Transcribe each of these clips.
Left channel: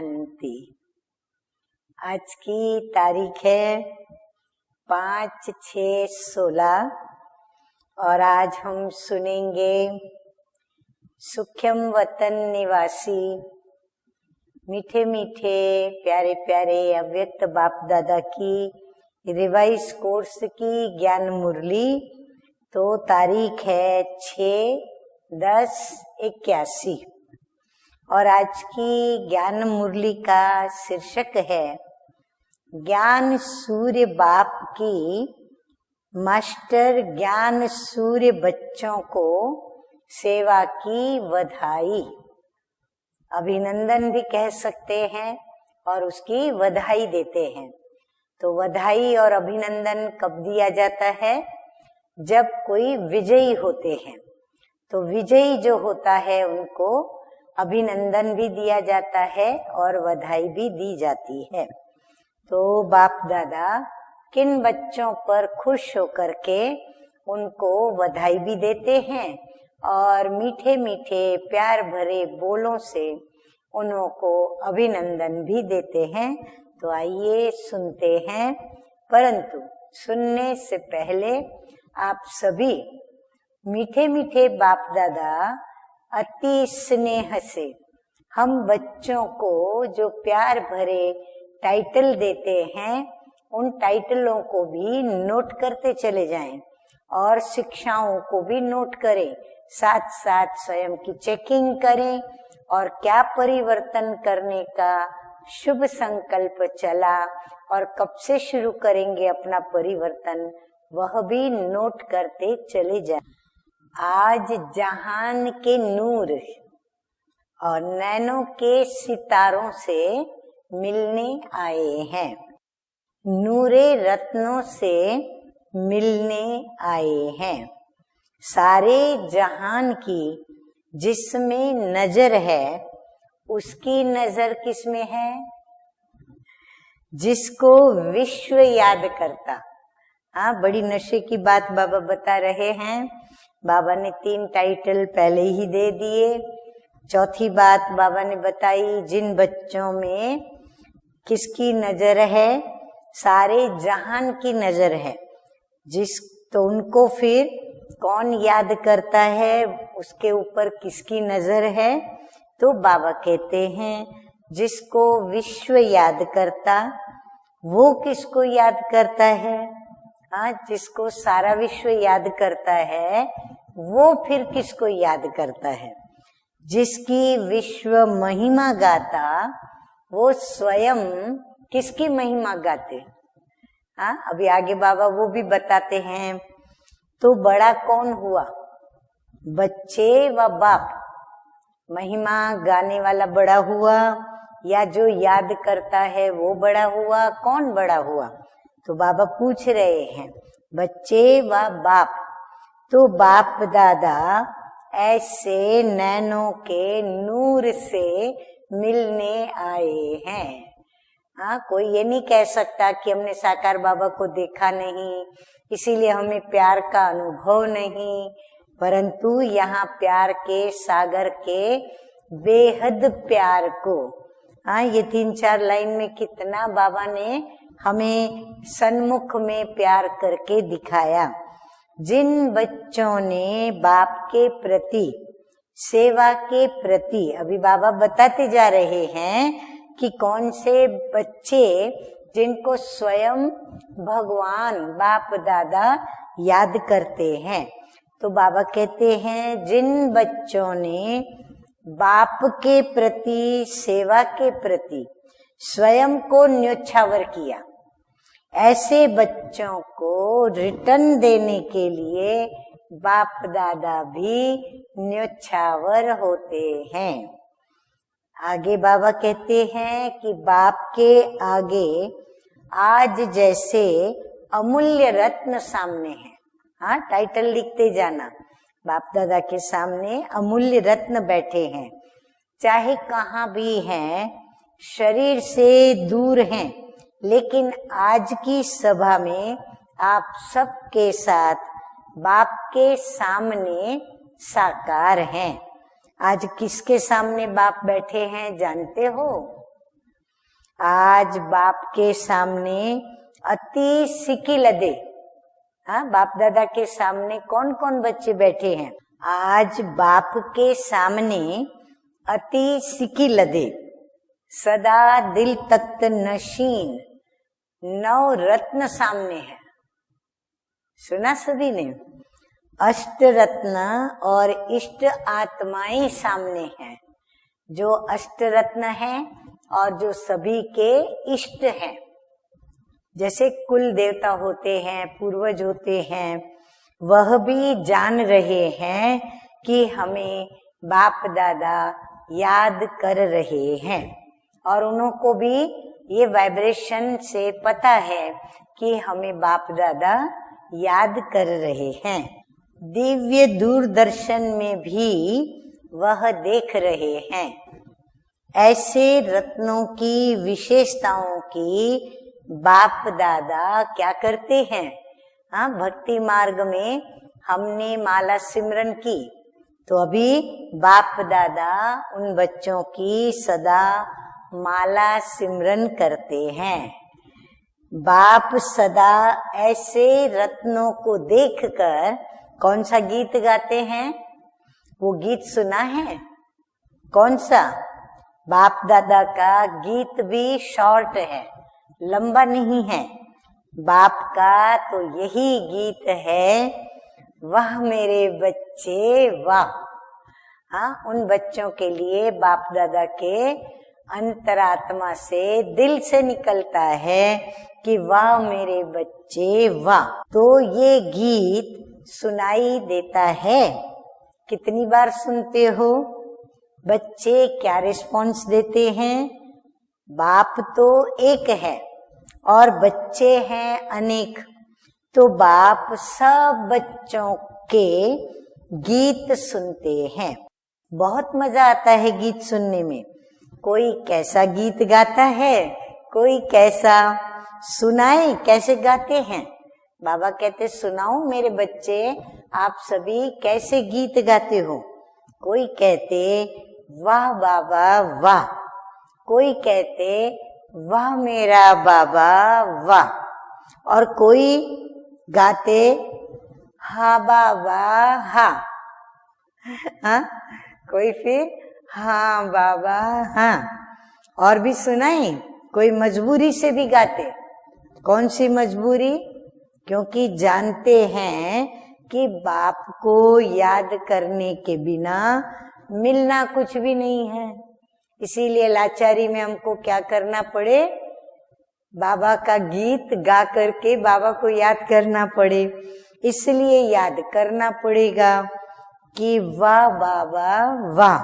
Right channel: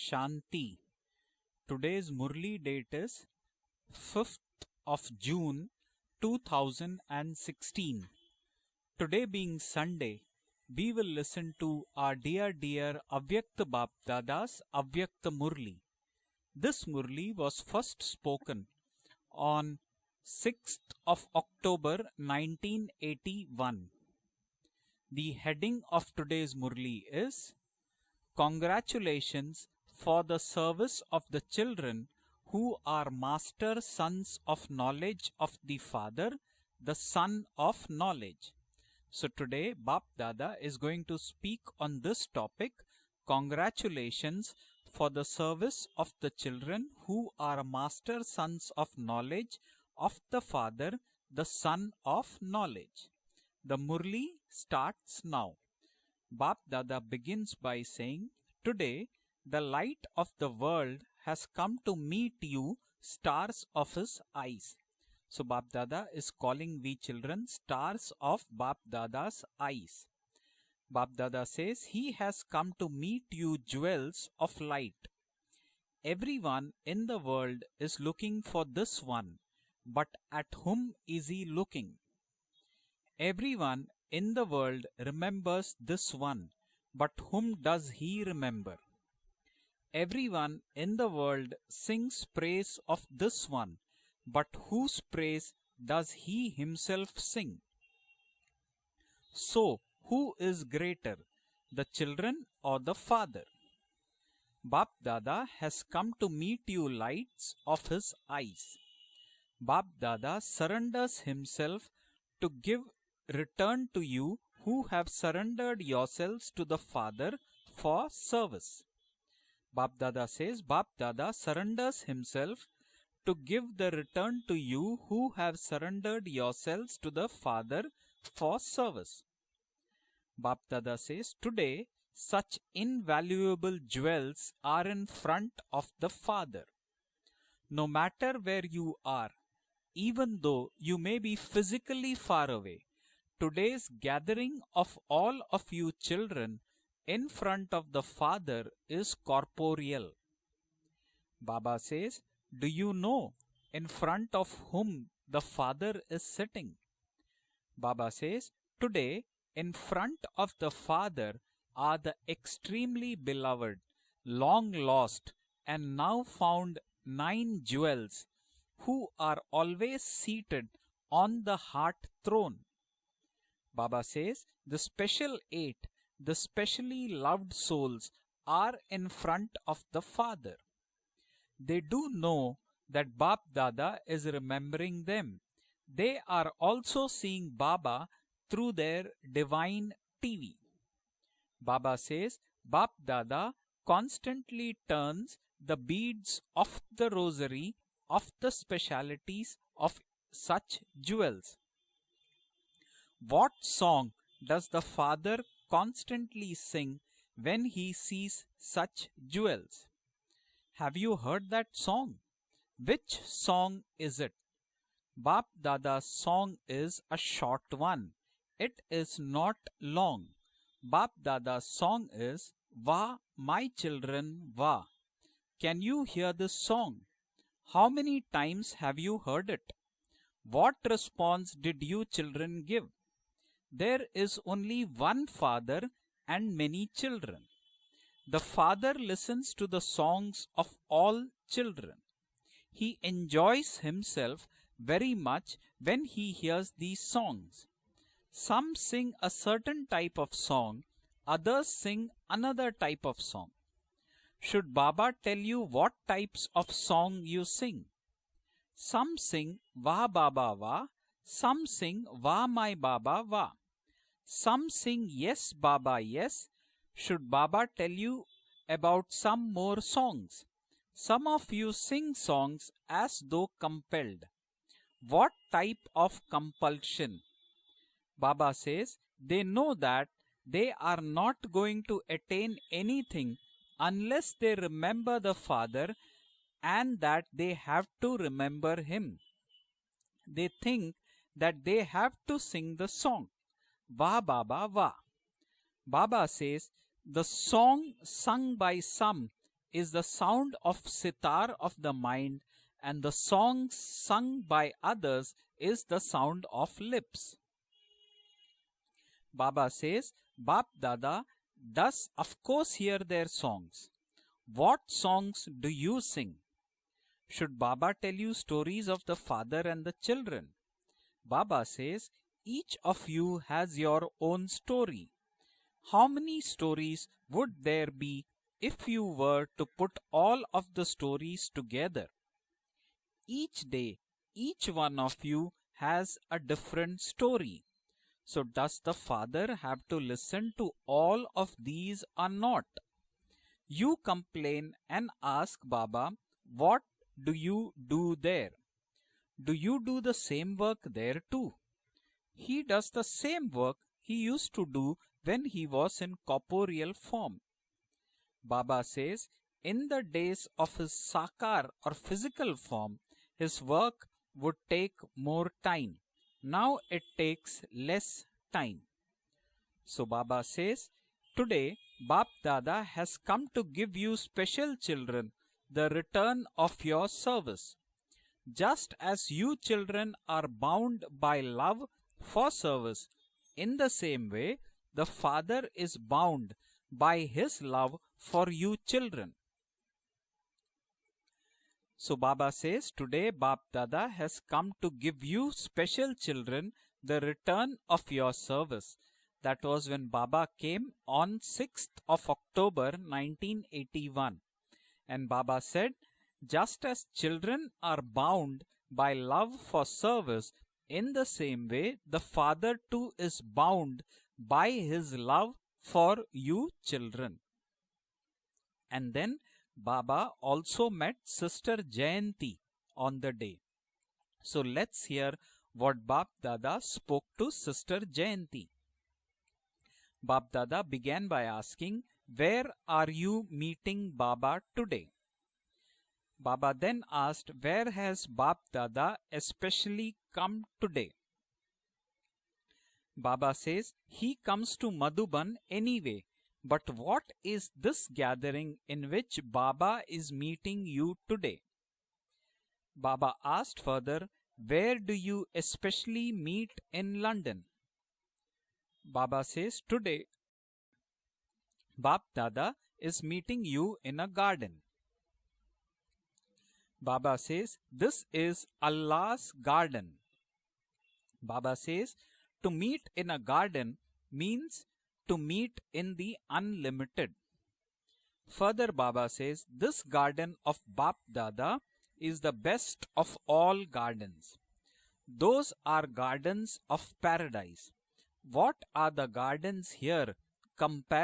शांति। आज मुरली की डेट तारीख है 5 5/6/16 और आज हम सुनेंगे सुख्यम वतन निवासी मीठे मीठे प्यारे प्यारे अव्यक्त बाप दादा की रिवाइज कोर्स की ज्ञान मुरली। तो तारीख है 6/10/81 और आज की ज्ञान मुरली का शीर्षक है ज्ञान सूर्य बाप की मास्टर ज्ञान सूर्य बच्चों को सेवा की बधाई। अभिनंदन भी कह सकते हैं और उसकी बधाई देते हैं। तो बधाई और अभिनंदन कब दिया जाता है? जब कोई विजयी होते हैं। तो विजयी जो होता है उनको अभिनंदन भी दिया जाता है और बधाई भी दी जाती है। तो बाप दादा किन बच्चों पर खुश होकर के उनको बधाई भी देते हैं और मीठे मीठे प्यार भरे बोलों से उनको अभिनंदन भी देते हैं। तो आइए सुनते हैं, परंतु सुनने से पहले आप सभी मीठे मीठे बाप दादा अति स्नेह से हम बच्चों को जो प्यार भरे टाइटल देते हैं उन टाइटलों को भी नोट करते चले जाएं और शिक्षाओं को भी नोट करें, साथ साथ स्वयं की चेकिंग करें और क्या परिवर्तन करने का शुभ संकल्प चला और कब से शुरू करेंगे अपना परिवर्तन, वह भी नोट करते चले जाएं। आज जहान के नूर और नैनो के सितारों से मिलने आए हैं, नूरे रत्नों से मिलने आए हैं। सारे जहान की जिसमें नजर है उसकी नजर किसमें है? जिसको विश्व याद करता। हाँ, बड़ी नशे की बात बाबा बता रहे हैं। बाबा ने 3 टाइटल पहले ही दे दिए। चौथी बात बाबा ने बताई, जिन बच्चों में किसकी नजर है? सारे जहान की नजर है। तो उनको फिर कौन याद करता है? उसके ऊपर किसकी नजर है? तो बाबा कहते हैं जिसको विश्व याद करता, वो किसको याद करता है? हाँ, जिसको सारा विश्व याद करता है वो फिर किसको याद करता है? जिसकी विश्व महिमा गाता वो स्वयं किसकी महिमा गाते? अभी आगे बाबा वो भी बताते हैं। तो बड़ा कौन हुआ? बच्चे व बाप। महिमा गाने वाला बड़ा हुआ या जो याद करता है वो बड़ा हुआ? कौन बड़ा हुआ? तो बाबा पूछ रहे हैं बच्चे व बाप। तो बाप दादा ऐसे नैनों के नूर से मिलने आए हैं। हाँ, कोई ये नहीं कह सकता कि हमने साकार बाबा को देखा नहीं, इसीलिए हमें प्यार का अनुभव नहीं, परंतु यहाँ प्यार के सागर के बेहद प्यार को, हाँ, ये 3-4 लाइन में कितना बाबा ने हमें सन्मुख में प्यार करके दिखाया। जिन बच्चों ने बाप के प्रति, सेवा के प्रति, अभी बाबा बताते जा रहे हैं कि कौन से बच्चे जिनको स्वयं भगवान बाप दादा याद करते हैं। तो बाबा कहते हैं जिन बच्चों ने बाप के प्रति, सेवा के प्रति स्वयं को न्योछावर किया, ऐसे बच्चों को रिटर्न देने के लिए बाप दादा भी न्योछावर होते हैं। आगे बाबा कहते हैं कि बाप के आगे आज जैसे अमूल्य रत्न सामने है। हाँ, टाइटल लिखते जाना, बाप दादा के सामने अमूल्य रत्न बैठे हैं, चाहे कहाँ भी हैं, शरीर से दूर हैं, लेकिन आज की सभा में आप सबके साथ बाप के सामने साकार हैं। आज किसके सामने बाप बैठे हैं जानते हो? आज बाप के सामने अति सिकी लदे, हाँ, बाप दादा के सामने कौन कौन बच्चे बैठे हैं? आज बाप के सामने अति सिकी लदे, सदा दिल तख्त नशीन, 9 रत्न सामने है। सुना सभी ने? अष्ट रत्न और इष्ट आत्माएं सामने हैं। जो अष्ट रत्न है और जो सभी के इष्ट है। जैसे कुल देवता होते हैं, पूर्वज होते हैं, वह भी जान रहे हैं कि हमें बाप दादा याद कर रहे हैं, और उनको भी ये वाइब्रेशन से पता है कि हमें बाप दादा याद कर रहे हैं। दिव्य दूरदर्शन में भी वह देख रहे हैं। ऐसे रत्नों की विशेषताओं की बाप दादा क्या करते हैं? हाँ, भक्ति मार्ग में हमने माला सिमरन की, तो अभी बाप दादा उन बच्चों की सदा माला सिमरन करते हैं। बाप सदा ऐसे रत्नों को देखकर कौन सा गीत गाते हैं? वो गीत सुना है? कौन सा? बाप दादा का गीत भी शॉर्ट है, लंबा नहीं है। बाप का तो यही गीत है, वाह मेरे बच्चे वाह। हाँ, उन बच्चों के लिए बाप दादा के अंतरात्मा से, दिल से निकलता है कि वाह मेरे बच्चे वाह। तो ये गीत सुनाई देता है। कितनी बार सुनते हो? बच्चे क्या रिस्पॉन्स देते हैं? बाप तो एक है और बच्चे हैं अनेक, तो बाप सब बच्चों के गीत सुनते हैं। बहुत मजा आता है गीत सुनने में। कोई कैसा गीत गाता है, कोई कैसा, सुनाए कैसे गाते हैं। बाबा कहते सुनाओ मेरे बच्चे, आप सभी कैसे गीत गाते हो। कोई कहते वाह बाबा वाह, कोई कहते वाह मेरा बाबा वाह, और कोई गाते हाँ बाबा हाँ। हाँ, कोई फिर हाँ बाबा हाँ। और भी सुनाए, कोई मजबूरी से भी गाते। कौन सी मजबूरी? क्योंकि जानते हैं कि बाप को याद करने के बिना मिलना कुछ भी नहीं है। इसीलिए लाचारी में हमको क्या करना पड़े? बाबा का गीत गा करके बाबा को याद करना पड़े। इसलिए याद करना पड़ेगा कि वाह बाबा वाह,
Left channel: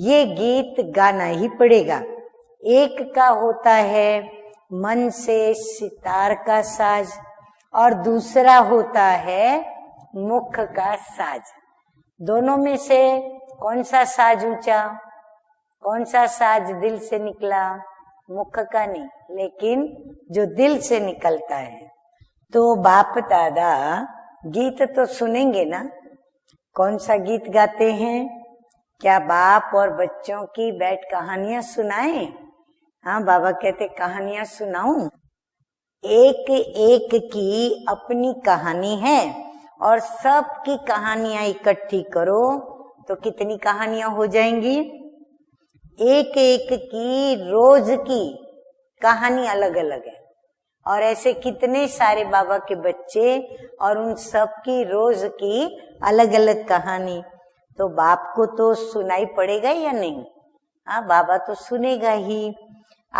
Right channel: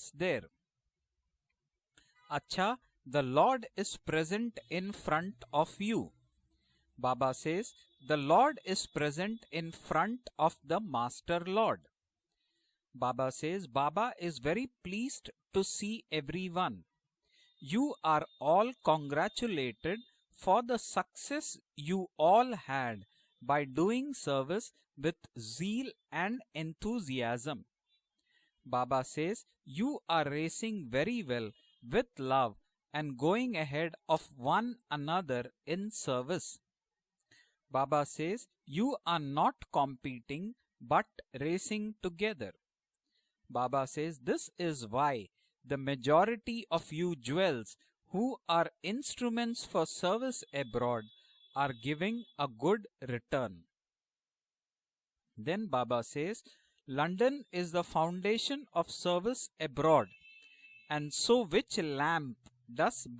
ये गीत गाना ही पड़ेगा। एक का होता है मन से सितार का साज, और दूसरा होता है मुख का साज। दोनों में से कौन सा साज ऊंचा? कौन सा साज दिल से निकला? मुख का नहीं, लेकिन जो दिल से निकलता है। तो बाप दादा गीत तो सुनेंगे ना। कौन सा गीत गाते हैं? क्या बाप और बच्चों की बैठ कहानियां सुनाएं? हाँ, बाबा कहते कहानियां सुनाऊं। एक एक की अपनी कहानी है, और सबकी कहानियां इकट्ठी करो तो कितनी कहानियां हो जाएंगी? एक एक की रोज की कहानी अलग अलग, और ऐसे कितने सारे बाबा के बच्चे, और उन सब की रोज की अलग अलग कहानी। तो बाप को तो सुनाई पड़ेगा या नहीं? हाँ, बाबा तो सुनेगा ही।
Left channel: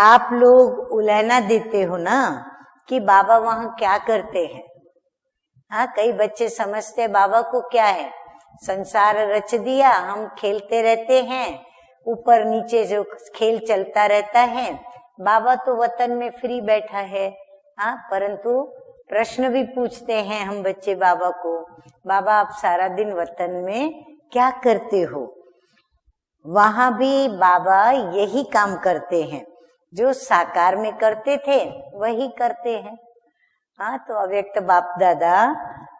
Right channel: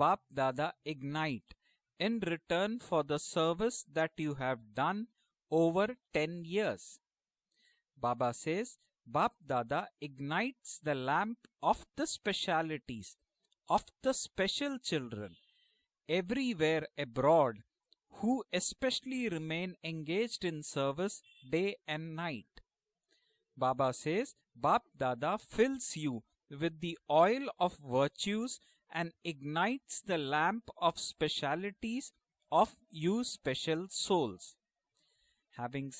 आप लोग उलहना देते हो ना कि बाबा वहाँ क्या करते हैं। हाँ, कई बच्चे समझते हैं बाबा को क्या है, संसार रच दिया, हम खेलते रहते हैं, ऊपर नीचे जो खेल चलता रहता है। बाबा तो वतन में फ्री बैठा है। हाँ, परंतु प्रश्न भी पूछते हैं हम बच्चे बाबा को, बाबा आप सारा दिन वतन में क्या करते हो? वहाँ भी बाबा यही काम करते हैं, जो साकार में करते थे वही करते हैं। हाँ, तो अव्यक्त बाप दादा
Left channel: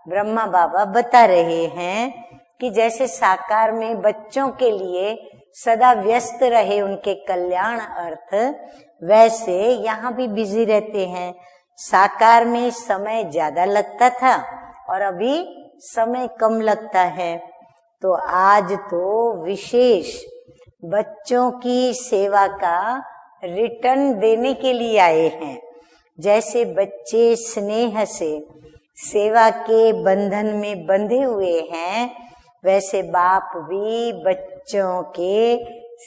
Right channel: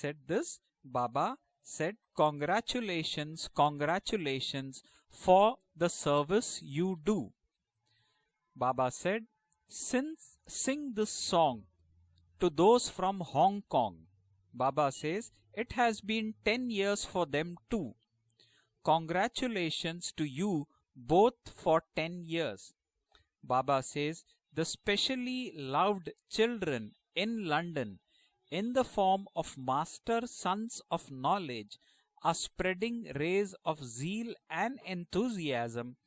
ब्रह्मा बाबा बता रहे हैं कि जैसे साकार में बच्चों के लिए सदा व्यस्त रहे उनके कल्याण अर्थ, वैसे यहाँ भी बिजी रहते हैं। साकार में समय ज्यादा लगता था और अभी समय कम लगता है, तो आज तो विशेष बच्चों की सेवा का रिटर्न देने के लिए आए हैं। जैसे बच्चे स्नेह से सेवा के बंधन में बंधे हुए हैं, वैसे बाप भी बच्चों के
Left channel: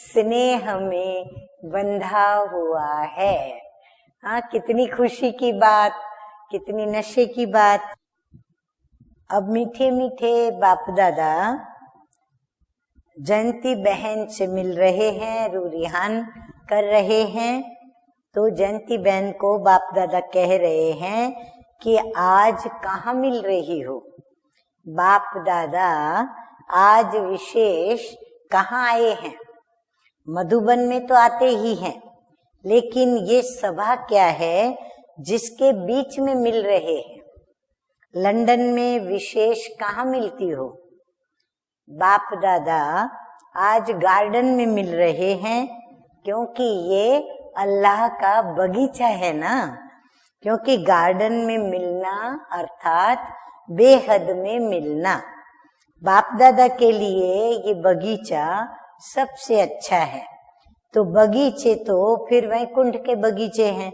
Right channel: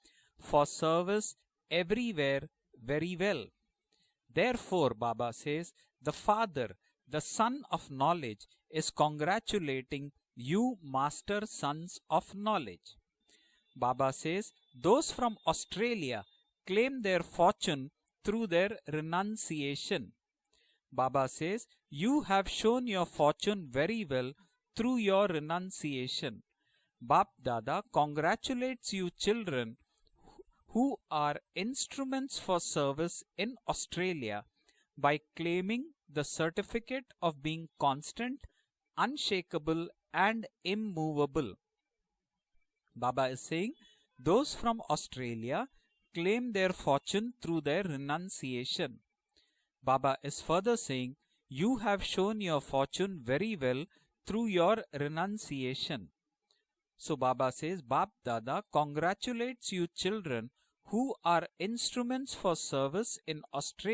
स्नेह में बंधा हुआ है। हाँ, कितनी खुशी की बात, कितनी नशे की बात। अब मीठे मीठे बाप दादा जयंती बहन से मिल रहे हैं, रूरिहान कर रहे हैं। तो जयंती बहन को बाप दादा कह रहे हैं कि आज कहाँ मिल रही हो बाप दादा, आज विशेष कहाँ आए हैं? मधुबन में तो आते ही हैं, लेकिन ये सभा क्या है जिसके बीच में मिल रहे? लंदन में विशेष कहाँ मिलती हो? बाप दादा आज गार्डन में मिल रहे हैं, क्योंकि ये अल्लाह का बगीचा है ना। क्योंकि गार्डन में मिलना अर्थात बेहद में मिलना। बाप दादा के लिए ये बगीचा सबसे अच्छा है। तो बगीचे तो फिर वैकुंठ के बगीचे हैं।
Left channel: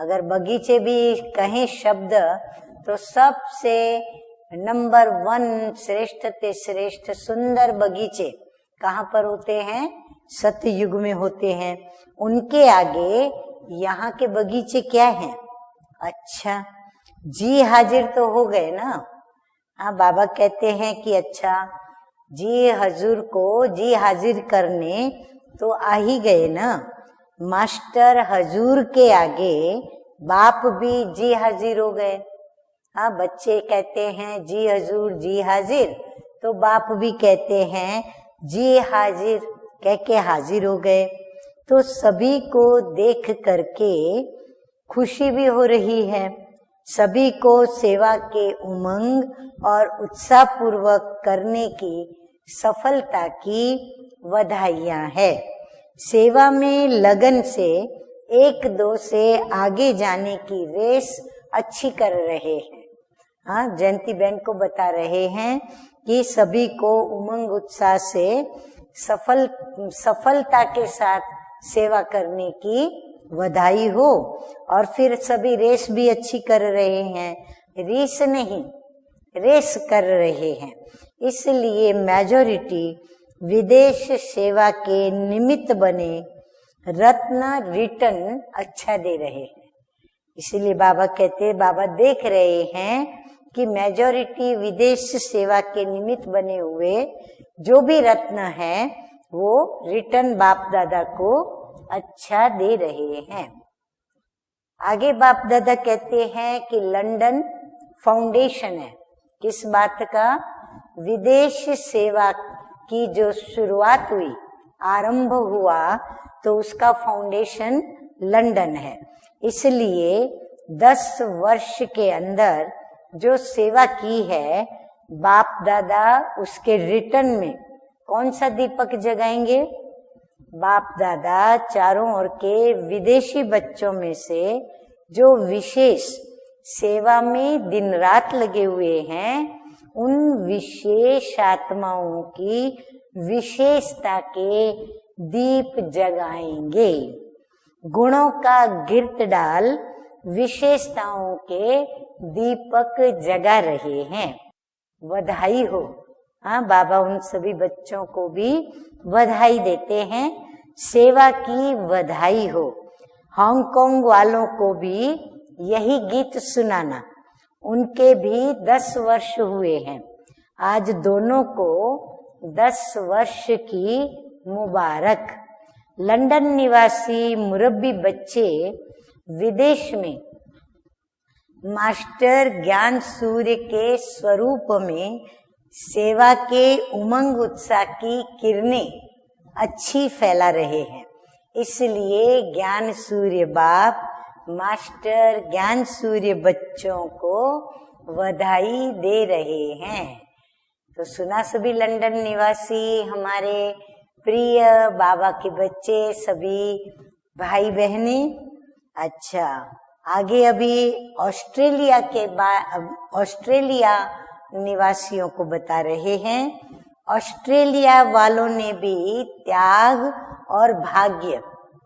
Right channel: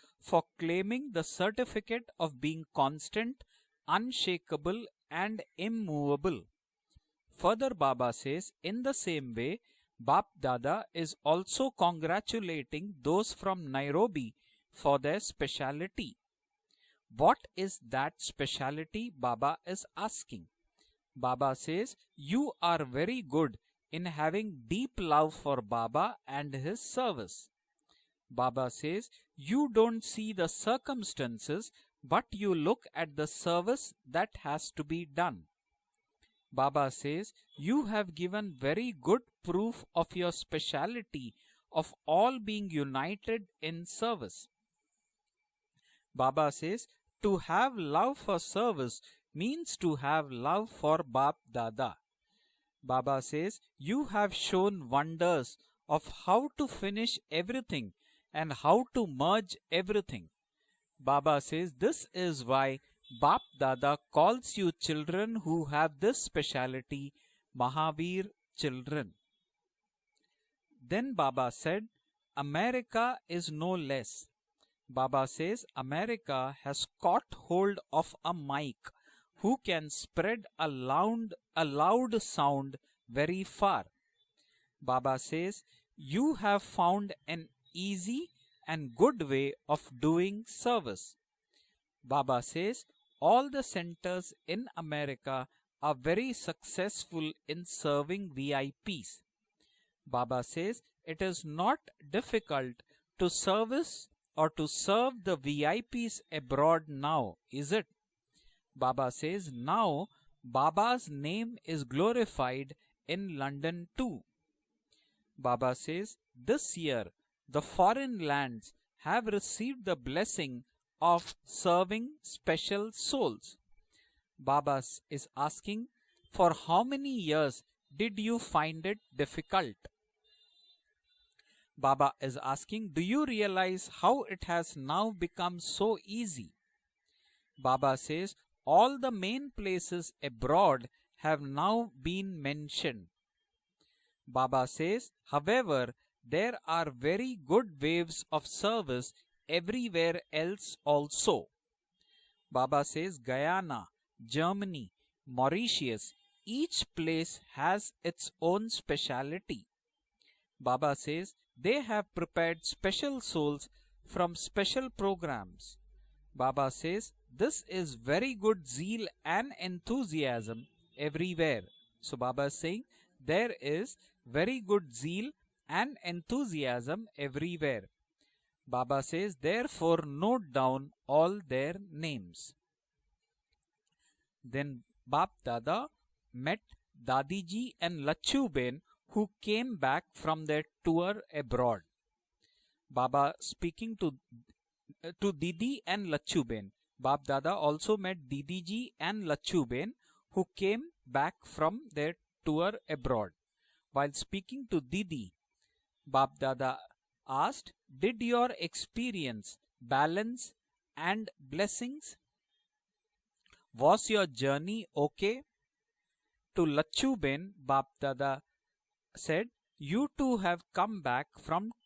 अगर बगीचे भी कहें शब्द तो सबसे नंबर 1 श्रेष्ठ ते श्रेष्ठ सुंदर बगीचे कहाँ पर होते हैं? सत्य युग में होते हैं। उनके आगे यहाँ के बगीचे क्या हैं? अच्छा, जी हाजिर तो हो गए ना। हाँ, बाबा कहते हैं कि अच्छा जी हजूर को जी हाजिर करने तो आ ही गए ना। मास्टर हजूर के आगे बाप भी जी हाजिर हो गए। हाँ, बच्चे कहते हैं जी हजूर जी हाजिर, तो बाप भी कहते हैं जी हाजिर कह के हाजिर हो गए। तो सभी को देख करके खुशी भी हो रही है। सभी को सेवा के उमंग और उत्साह पूर्वक करने की सफलता की बधाइयाँ है। सेवा में लगन से एक दो से आगे जाने की रेस अच्छी कर रहे। हाँ, जयंती बहन को बता रहे हैं कि सभी को उमंग उत्साह से सफलता के साथ सेवा करने की बधाई हो। और फिर सभी रेस भी अच्छी कर रहे हैं, रेस नहीं रेस कर रहे हैं। इसलिए मेजॉरिटी विदेश सेवा के निमित्त बने रत्न रिटर्न अच्छा दे रहे। इसलिए बाबा कहते हैं, बाबा देख रहे हैं कि मेजॉरिटी विदेश सेवा के निमित्त बने हुए जो भी रत्न है वो रिटर्न बाप दादा को अच्छा दे रहे हैं। आगे बाप दादा कहते हैं कि लंदन फाउंडेशन है किस बात का? विदेश सेवा की जो शुरुआत हुई, आरंभ हुआ, तो उसका फाउंडेशन लंदन है। इसलिए 10 वर्ष के अंदर जो सेवा की है बाप दादा, उसके रिटर्न में कौन सा दीपक जगाएंगे? बाप दादा चारों ओर के विदेशी बच्चों में से जो विशेष सेवा में दिन रात लगे हुए हैं, उन विशेष आत्माओं की विशेषता के दीप जगाएंगे। गुणों का गिरत डाल विशेषताओं के दीपक जगा रहे हैं। बधाई हो। हाँ, बाबा उन सभी बच्चों को भी बधाई देते हैं। सेवा की बधाई हो। हांगकांग वालों को भी यही गीत सुनाना। उनके भी 10 वर्ष हुए हैं। आज दोनों को 10 वर्ष की मुबारक। लंदन निवासी मुरब्बी बच्चे विदेश में मास्टर ज्ञान सूर्य के स्वरूप में सेवा के उमंग उत्साह की किरणें अच्छी फैला रहे हैं। इसलिए ज्ञान सूर्य बाप मास्टर ज्ञान सूर्य बच्चों को बधाई दे रहे हैं। तो सुना सभी लंदन निवासी हमारे प्रिय बाबा के बच्चे, सभी भाई बहनी। अच्छा, आगे अभी ऑस्ट्रेलिया के ऑस्ट्रेलिया निवासियों को बता रहे हैं। ऑस्ट्रेलिया वालों ने भी त्याग और भाग्य,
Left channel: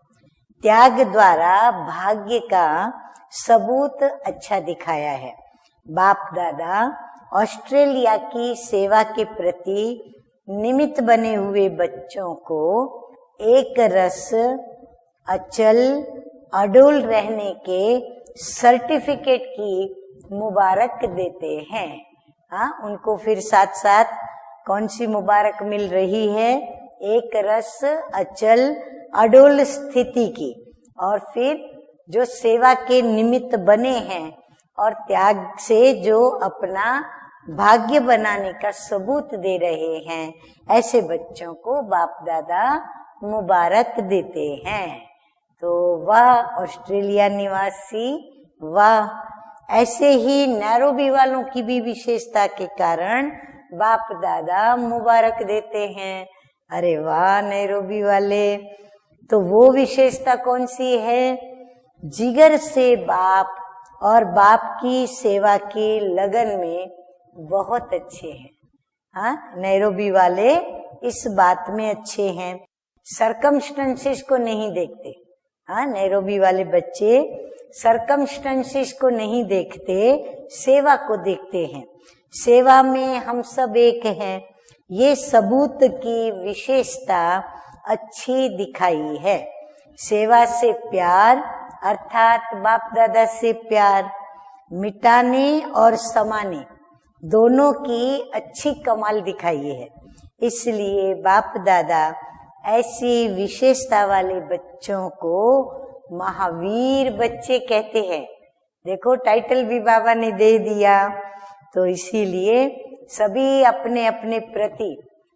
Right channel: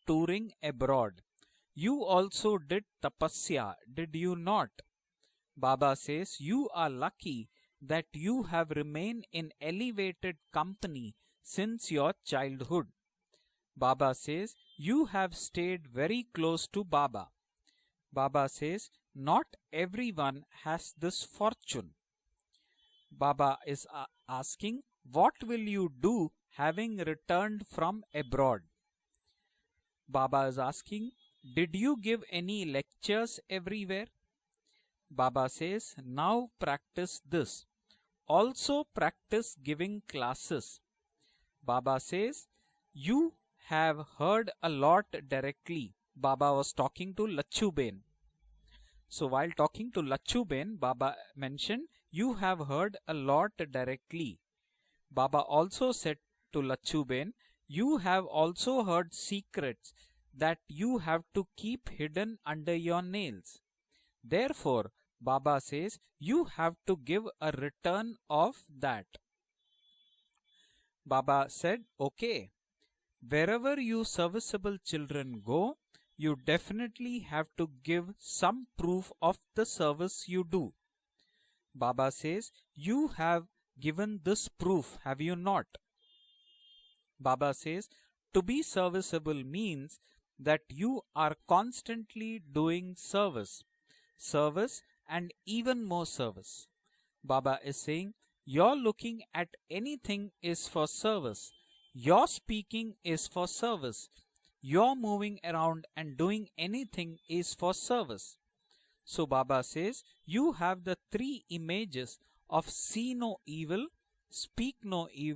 त्याग द्वारा भाग्य का सबूत अच्छा दिखाया है। बाप दादा ऑस्ट्रेलिया की सेवा के प्रति निमित्त बने हुए बच्चों को एक रस अचल अडोल रहने के सर्टिफिकेट की मुबारक देते हैं। हाँ, उनको फिर साथ साथ कौन सी मुबारक मिल रही है? एक रस अचल अडोल स्थिति की, और फिर जो सेवा के निमित्त बने हैं और त्याग से जो अपना भाग्य बनाने का सबूत दे रहे हैं, ऐसे बच्चों को बाप दादा मुबारक देते हैं। तो वह ऑस्ट्रेलिया निवासी, वाह, ऐसे ही नैरोबी वालों की भी विशेषता के कारण बाप दादा मुबारक देते हैं। अरे वाह नैरोबी वाले, तो वो विशेषता कौन सी है? जिगर से बाप और बाप की सेवा की लगन में बहुत अच्छे हैं। हाँ, नैरोबी वाले इस बात में अच्छे हैं, सरकमस्टेंसेस को नहीं देखते। हाँ, नैरोबी वाले बच्चे सरकमस्टेंसेस को नहीं देखते, सेवा को देखते हैं। सेवा में हम सब एक हैं, ये सबूत की विशेषता अच्छी दिखाई है। सेवा से प्यार अर्थात बाप दादा से प्यार मिटाने और समाने दोनों की अच्छी कमाल दिखाई है। इसलिए बाप दादा ऐसी विशेषता वाले बच्चों को महावीर बच्चे कहते हैं। देखो टाइटल भी बाबा ने दे दिया। तो इसीलिए सभी अपने अपने प्रति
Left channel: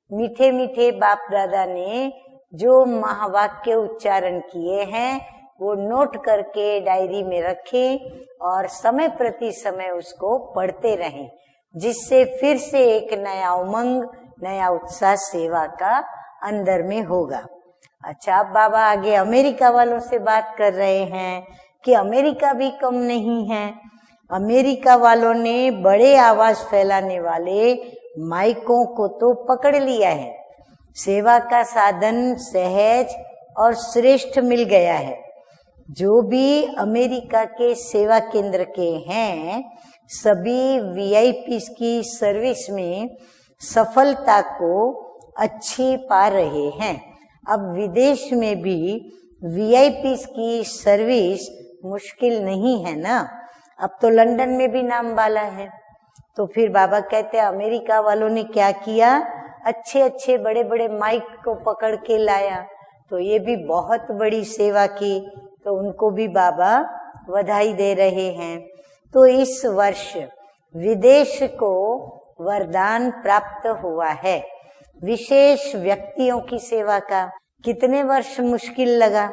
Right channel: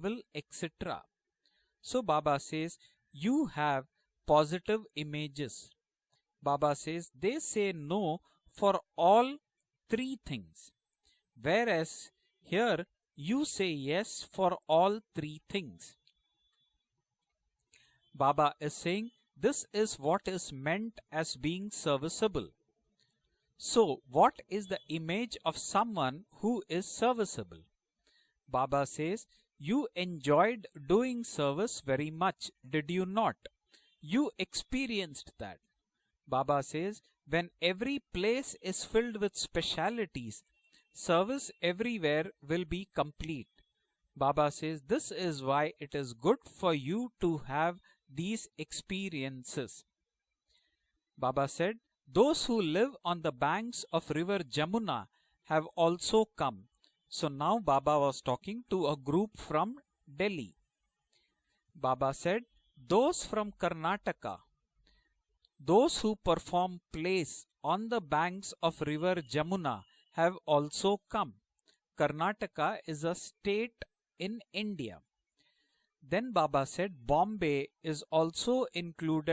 मीठे मीठे बाप दादा ने जो महावाक्य उच्चारण किए हैं वो नोट करके डायरी में रखें और समय प्रति समय उसको पढ़ते रहें, जिससे फिर से एक नया उमंग, नया उत्साह सेवा का अंदर में होगा। अच्छा, अब बाबा आगे अमेरिका वालों से बात कर रहे हैं कि अमेरिका भी कम नहीं है। अमेरिका वालों ने बड़े आवाज फैलाने वाले माइकों को तो पकड़ लिया है। सेवा का साधन सहज और श्रेष्ठ मिल गया है। जो भी अमेरिका के सेवा केंद्र के हैं, सभी वीआईपी की सर्विस में सफलता को अच्छी पा रहे हैं। अब विदेश में भी वीआईपी की सर्विस मुश्किल नहीं है ना। अब तो लंदन में भी नाम वाला है। तो फिर बाबा कहते हैं अमेरिका वालों ने क्या किया, अच्छे अच्छे बड़े बड़े माइक को पकड़ के लाया, तो ये भी बहुत बड़ी सेवा की। तो उनको भी बाबा बधाई दे रहे हैं। तो इस वर्ष विदेश को वरदान प्राप्त हुआ है विशेष व्यक्तियों की सेवा का। कितने वर्ष मुश्किल लगा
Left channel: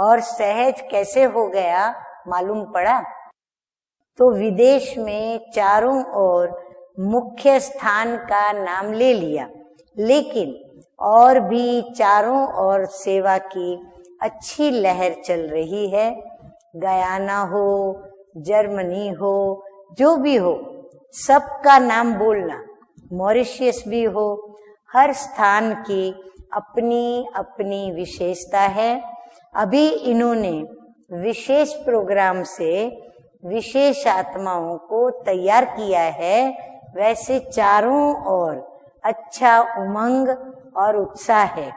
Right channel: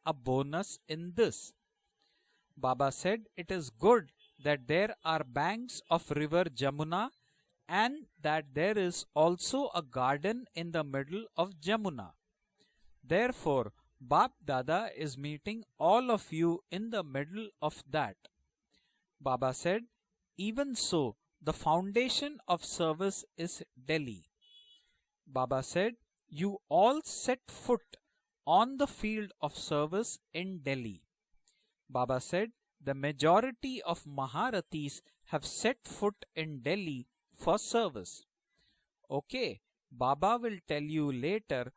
और सहज कैसे हो गया मालूम पड़ा। तो विदेश में चारों ओर मुख्य स्थान का नाम ले लिया, लेकिन और भी चारों ओर सेवा की अच्छी लहर चल रही है। गयाना हो, जर्मनी हो, जो भी हो, सबका नाम बोलना, मॉरिशस भी हो, हर स्थान की अपनी अपनी विशेषता है। अभी इन्होंने विशेष प्रोग्राम से विशेष आत्माओं को तैयार किया है। वैसे चारों ओर अच्छा उमंग और उत्साह है,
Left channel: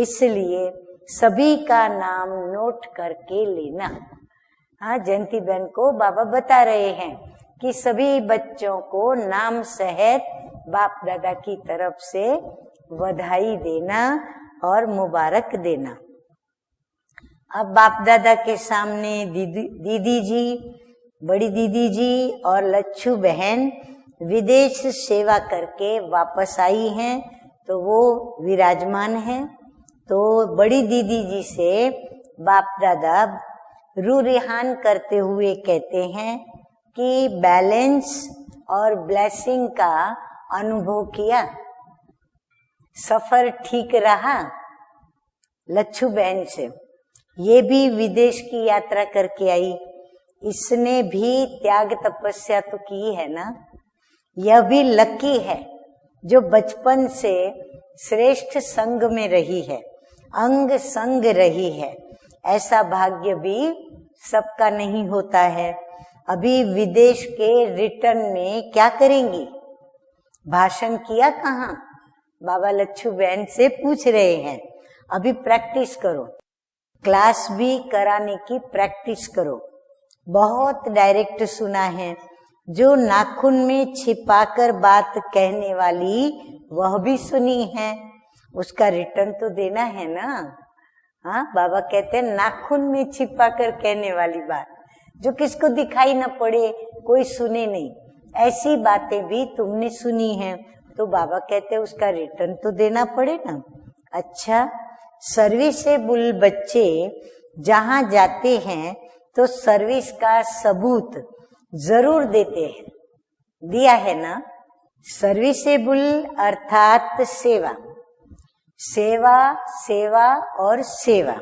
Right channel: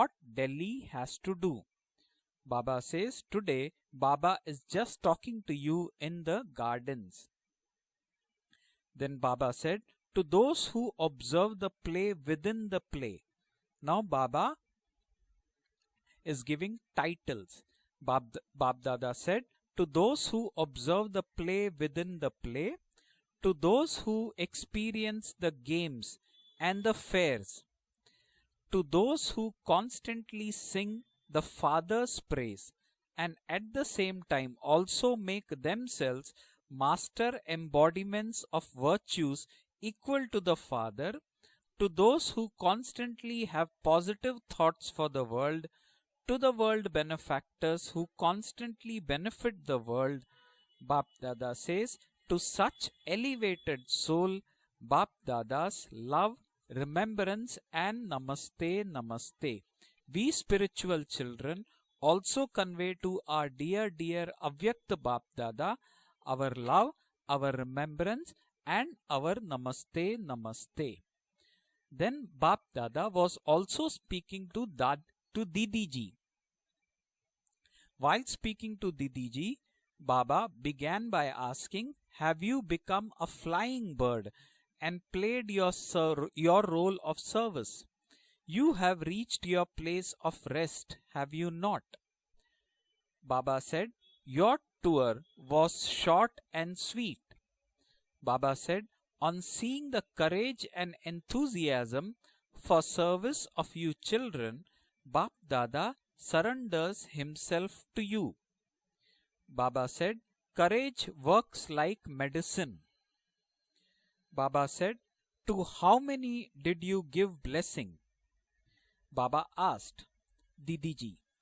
इसलिए सभी का नाम नोट करके लेना। हाँ, जयंती बहन को बाबा बता रहे हैं कि सभी बच्चों को नाम सहित बाप दादा की तरफ से बधाई देना और मुबारक देना। is giving titles. अब बाप दादा के बाप सामने दादा said, दीदी "To दीदी those who ji, observe the बड़ी play दीदी within जी the play, और लच्छू बहन to those who विदेश experience सेवा the करके games वापस and आई the हैं, fairs, तो वो विराजमान those है। who तो constantly बड़ी sing दीदी जी the से Father's praise बाप दादा and at the same रू time रिहान also करते हुए make कहते themselves हैं master कि बैलेंस embodiments of और virtue ब्लेसिंग का equal to the अनुभव Father, किया। to those who constantly suffer have ठीक positive रहा thoughts for the world, Lachhu to बहन the से। world ये भी benefactors who विदेश की constantly यात्रा करके benefit आई, the world, इसने Bap भी Dada त्याग says, तपस्या to तो such की है ना। elevated soul, यह भी Bap लकी है Dada's love, जो बचपन से remembrance and श्रेष्ठ namaste, संग में namaste. रही है, We अंग spiritual संग children रही है। also ऐसा convey to भाग्य our भी dear सबका Avyakta नहीं Bap होता है। Dada अभी our love, विदेश our के रिटर्न remembrance में क्या and करेंगी? our namaste, namaste. भाषण किया कहाँ? Then Bap Baba Dada Lachhu was बहन से also पूछ रहे speaking हैं, to that- अभी to प्रैक्टिस Didi ji. करो, क्लास भी While कराने की speaking to practice Didi ji, करो। Baba बहुत began by डायरेक्ट asking, सुना है, "Have you जो become a नाखून में flying bird छिपाकर and बात played कहने your वाली your वह role भी of सुनी service? है, You उसका have रिटर्न reached तो your देना place है ना। of rest, have हाँ, you बाबा not?" कहते हैं नाखून में Baba छिपाकर said, कहने वाली "Your बात tour जो किसको was दिखाई न short पड़े, and sweet." कोई सुने नहीं, Baba ऐसी said, बातें भी "On तुमने seeing the सुनी हैं, courage and तो बाबा कहते हैं enthusiasm उसका रिटर्न तो for देना service पड़ेगा। of you children, अच्छा, Bap सर्विसेबल Dada बच्चे surrenders himself जहाँ to you. जाते हैं तो सर्विस said, का "Courage सबूत works like जरूर medicine." देते हैं, दिया है ना। Baba said, serviceable "To how many did you अर्थात give सेवा, blessing?" सेवा Baba asked, सेवा और Didi ji. सेवा,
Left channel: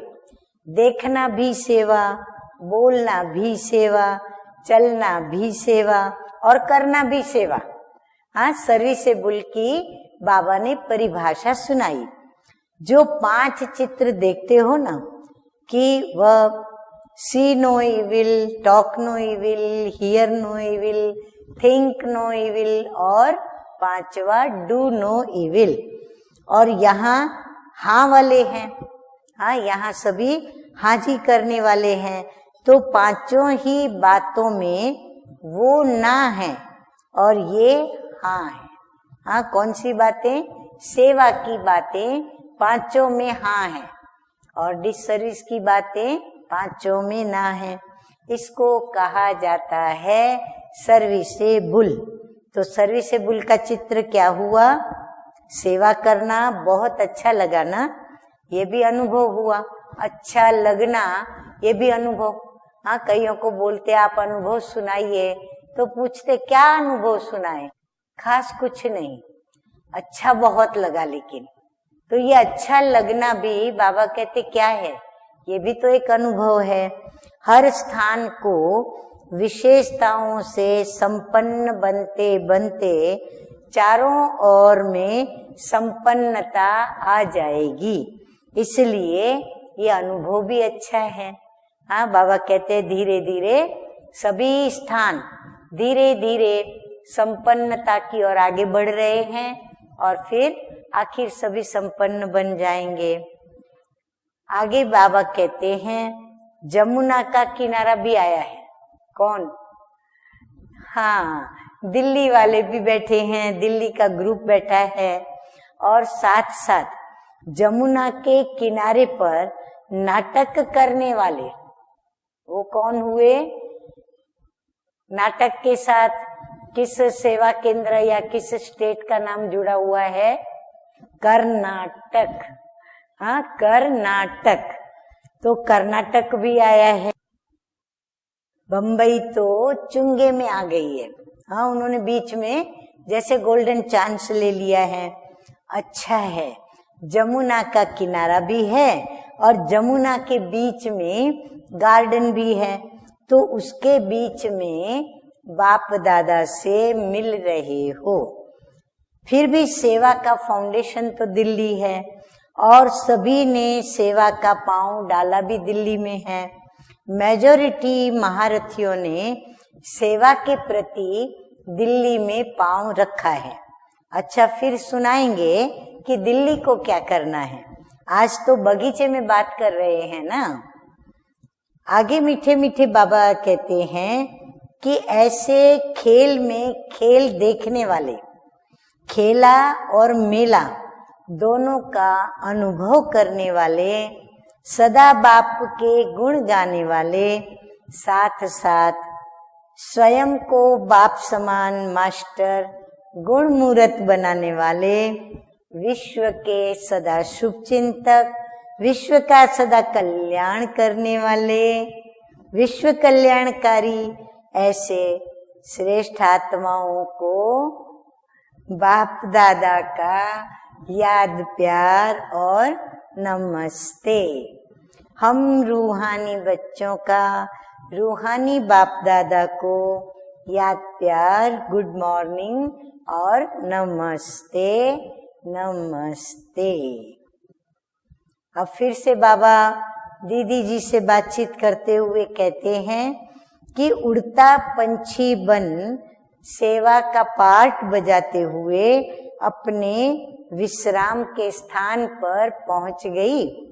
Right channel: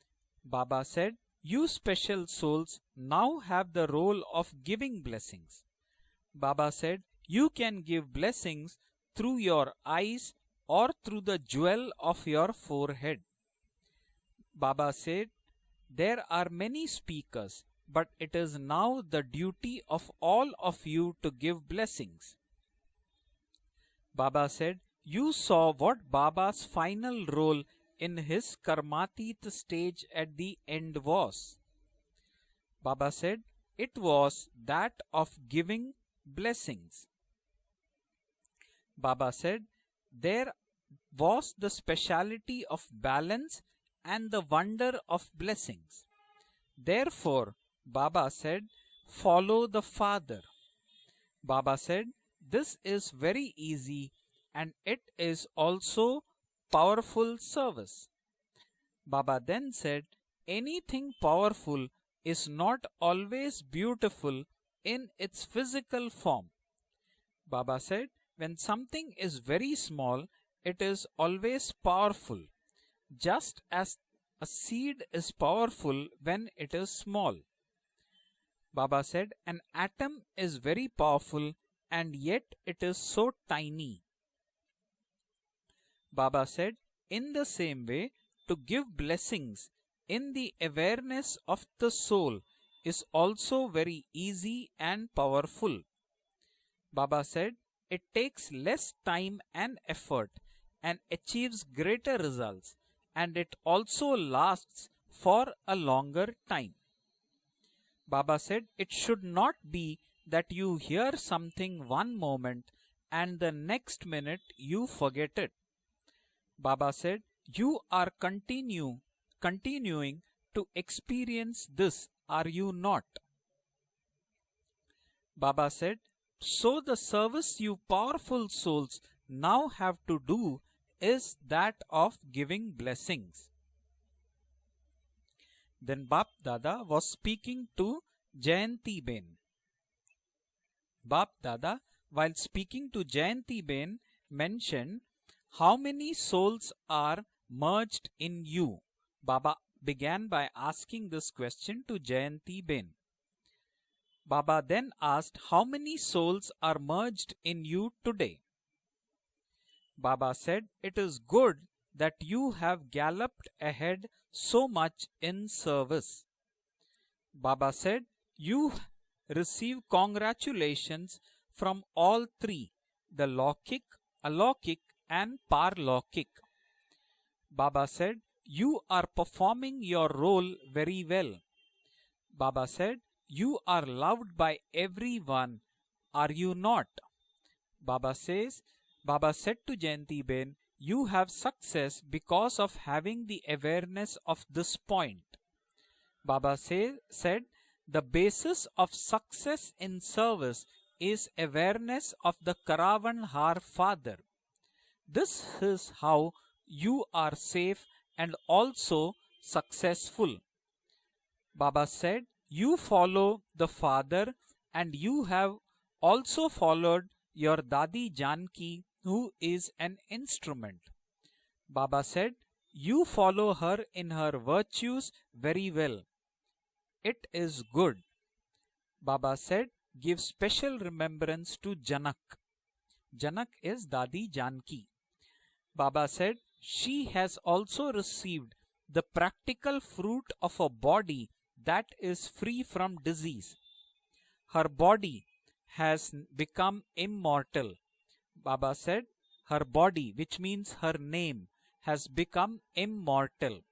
Baba देखना said, भी "You सेवा, special souls बोलना now भी have the सेवा, role of giving चलना blessing." भी सेवा और Baba करना said, भी "You सेवा। can give हाँ, blessing सर्विसेबल through your की eyes बाबा ने or through the परिभाषा jewel सुनाई। of your जो forehead." 5 चित्र देखते हो Baba ना, said, कि "There वह are many speakers, see no but it evil, is talk now no the evil, duty of hear all no of evil, you to give think blessings." No evil और पांचवा Baba said, do no "You saw evil. what Baba's और final यहाँ role हाँ in वाले his हैं, Karmati हाँ यहाँ stage सभी at the end हाँ जी was." करने वाले हैं। तो Baba पांचों said, ही "It was बातों में that of वो giving ना है blessings." और ये हाँ है। Baba हाँ, said, कौन सी बातें? "There सेवा was की the बातें speciality of पांचों में balance हाँ है and the और wonder of डिसर्विस की blessings. बातें पांचों में Therefore, ना है। Baba इसको said, कहा "Follow जाता the है Father." सर्विसेबल। Baba said, तो "This is सर्विसेबल very का चित्र easy क्या हुआ? and it is सेवा also करना बहुत powerful अच्छा लगा ना, service." ये भी अनुभव Baba हुआ। then said, अच्छा लगना, "Anything ये powerful भी अनुभव। is not हाँ, कईयों को always बोलते आप beautiful अनुभव in सुनाइए, its तो physical पूछते form." क्या अनुभव सुनाए? Baba said, खास "When कुछ something नहीं, is very small, अच्छा बहुत it लगा। is लेकिन always तो powerful. ये अच्छा लगना Just भी as बाबा कहते a क्या है? seed is ये भी तो powerful एक अनुभव when it है। is small. हर स्थान को Baba said, "An विशेषताओं atom is से very powerful संपन्न and बनते yet it बनते is so tiny." चारों ओर में Baba संपन्नता said, uh "In the same जाएगी। way, to give इसलिए blessings ये in अनुभव the भी अच्छा है। awareness of the हाँ, soul बाबा कहते हैं is धीरे also धीरे very सभी easy स्थान and powerful." धीरे धीरे Baba said, संपन्नता "It की ओर takes आगे less बढ़ रहे time हैं and और effort फिर and आखिर सभी achieves greater संपन्न बन results, जाएंगे। and it also lasts आगे बाबा for कहते a हैं longer time." जमुना का किनारा भी आया Baba है। said, "It should कौन? not be that you hear हाँ, something one दिल्ली वाले moment भी बैठे and हैं, the दिल्ली next का minute ग्रुप बैठा you है forget it." और साथ Baba साथ said, "You जमुना are के किनारे पर continuing नाटक to करने वाले experience this, are वो you कौन not?" हुए? नाटक Baba के said, साथ "So किस the सेवा service you केंद्र या powerful किस souls स्टेट का नाम now जुड़ा have हुआ to है? do is that of Karnataka. giving blessings." हाँ, कर्नाटक। तो Then कर्नाटक Bap भी Dada आया was है। speaking to Jayanti Bombay ji. तो चुंगे में आ गई है। बाप दादा, हाँ, उन्होंने बीच while में speaking to जैसे Jayanti गोल्डन Jain, चांस ले लिया है। how many अच्छा है, souls are जमुना का merged किनारा in भी you? है Baba और जमुना began के by बीच asking में this question to garden Jayanti भी है। Jain. तो उसके बीच Baba में then asked, "How बाप many दादा souls से are merged मिल in रहे you हो। today?" फिर भी सेवा Baba का said, फाउंडेशन "It is तो good दिल्ली है that you have और galloped सभी ने ahead सेवा का so पांव much डाला in भी दिल्ली service." में है। Baba मेजोरिटी said, महारथियों ने "Receive सेवा के congratulations प्रति from दिल्ली all में three, पांव रखा the है। Lokik, अच्छा, फिर Alokik सुनाएंगे and कि Parlokik." दिल्ली को क्या करना है। Baba said, आज तो "You बगीचे are में बात कर performing रहे your हैं role ना। very well." आगे मीठे Baba मीठे said, बाबा "You कहते are हैं loved by कि everyone, ऐसे are खेल you में not?" खेल देखने वाले Baba says, खेला और मेला you have दोनों success का because of अनुभव having करने the वाले, awareness of this सदा form. बाप के गुण Baba गाने said, वाले, the साथ basis of साथ success in स्वयं service को बाप is समान awareness of the master, Karavan गुण Har मूरत Father. बनाने वाले, This is विश्व how के you सदा are शुभ safe चिंतक, and also विश्व का सदा successful. कल्याण करने वाले, Baba said, you विश्व follow the कल्याणकारी Father ऐसे and you have श्रेष्ठ also आत्माओं followed को your Dadi Janki, बाप who is दादा an का instrument. याद Baba प्यार said, और you follow her in नमस्ते। her virtues हम very well. रूहानी बच्चों का It is good. रूहानी बाप दादा said, को give special याद प्यार, remembrance to good Janak. Morning और Janak is Dadi नमस्ते Baba said, नमस्ते। she has also received अब फिर the से बाबा practical fruit of दीदी a जी से body बातचीत करते that हुए is free कहते from हैं disease. कि उड़ता Her body पंछी बन has become सेवा का immortal. पाठ बजाते Baba हुए said, her अपने body, which means her विश्राम name, के स्थान has पर become पहुंच immortal. गई।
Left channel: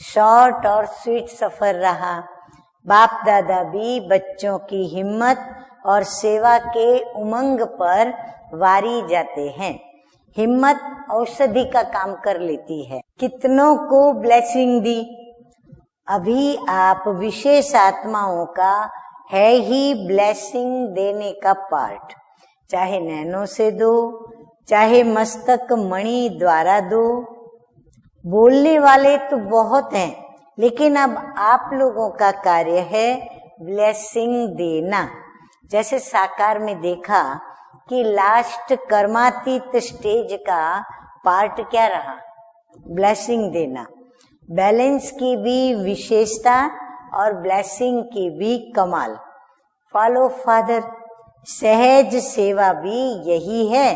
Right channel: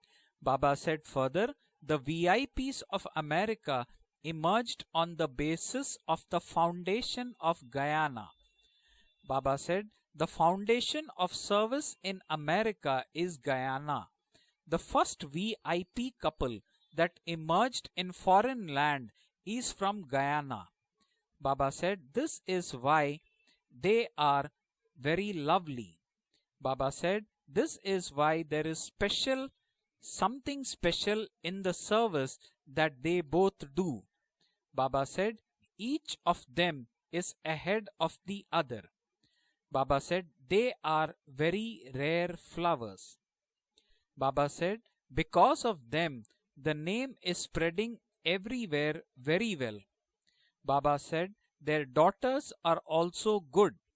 शॉर्ट Baba और said sweet further, suffer the रहा। VIPs of बाप दादा America भी बच्चों emerged की on the हिम्मत basis और of the सेवा के foundation उमंग of पर Guyana. वारी जाते Baba हैं। said, the हिम्मत foundation of औषधि का service काम in कर लेती है। America is कितनों Guyana. को blessing The the. first VIP अभी couple आप that विशेष emerged in आत्माओं foreign का land है is he from blessing Guyana. देने का Baba पाठ, said, this is चाहे why नैनो से दो, they are चाहे very मस्तक lovely. मणि द्वारा Baba दो। said, this is why बोलने there is वाले तो special बहुत हैं, something लेकिन अब special in आप the लोगों का service कार्य that है they both do. ब्लेसिंग देना। Baba said, जैसे each of साकार में them देखा is ahead कि of the last other. कर्मातीत Baba said, stage they का are पार्ट very क्या रहा? rare flowers. ब्लेसिंग देना। Baba said, बैलेंस की because भी of them, विशेषता the name और is ब्लेसिंग spreading की भी everywhere कमाल। very well. Follow father, Baba said, their सहज daughters सेवा are भी also यही good. है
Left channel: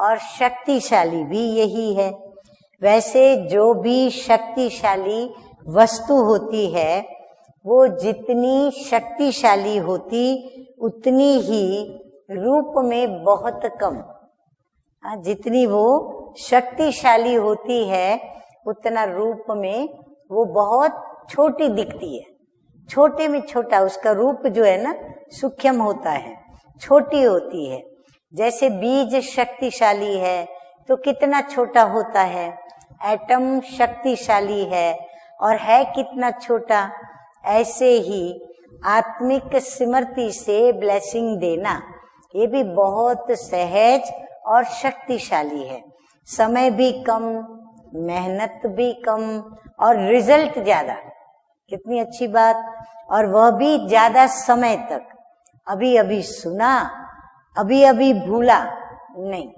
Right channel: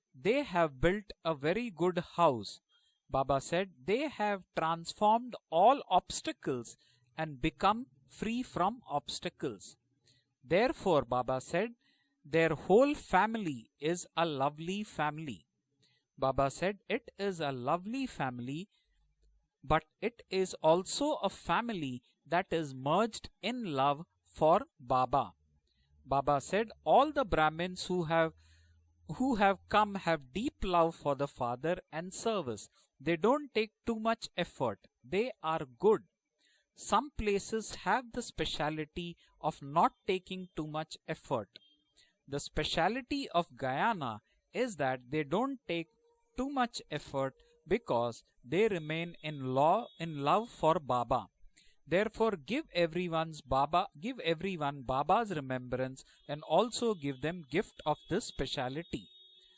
और They have शक्तिशाली built a भी very यही good है। house. वैसे Baba जो said, भी they have शक्तिशाली transformed all वस्तु होती obstacles है and become वो free जितनी from शक्तिशाली होती Therefore, उतनी Baba ही said, their रूप whole में बहुत family come. is a lovely family. जितनी वो Baba said, शक्तिशाली it is a होती lovely है family, उतना रूप में but it वो is बहुत also a छोटी family दिखती है। that is merged छोटे में in छोटा love उसका रूप for जो है ना Baba. सूक्ष्म होता है, Baba said, all छोटी the होती है। Brahmins who have जैसे बीज who have come शक्तिशाली have है deep love तो for the कितना Father छोटा and होता है। service. They atom don't take too much शक्तिशाली effort. है They और are है good. कितना छोटा। Some places ऐसे have the ही speciality आत्मिक of not स्मृति taking से too much ब्लेसिंग effort. देना The ये भी speciality बहुत of सहज Guyana और is that they शक्तिशाली don't है। take too समय much भी effort कम, because मेहनत they भी remain कम in law और and रिजल्ट love for ज्यादा। Baba. कितनी अच्छी Therefore, बात। give everyone और वह भी Baba, ज्यादा give समय everyone तक। Baba's remembrance अभी अभी and सुना, also give them gift अभी of अभी the भूला speciality. नहीं,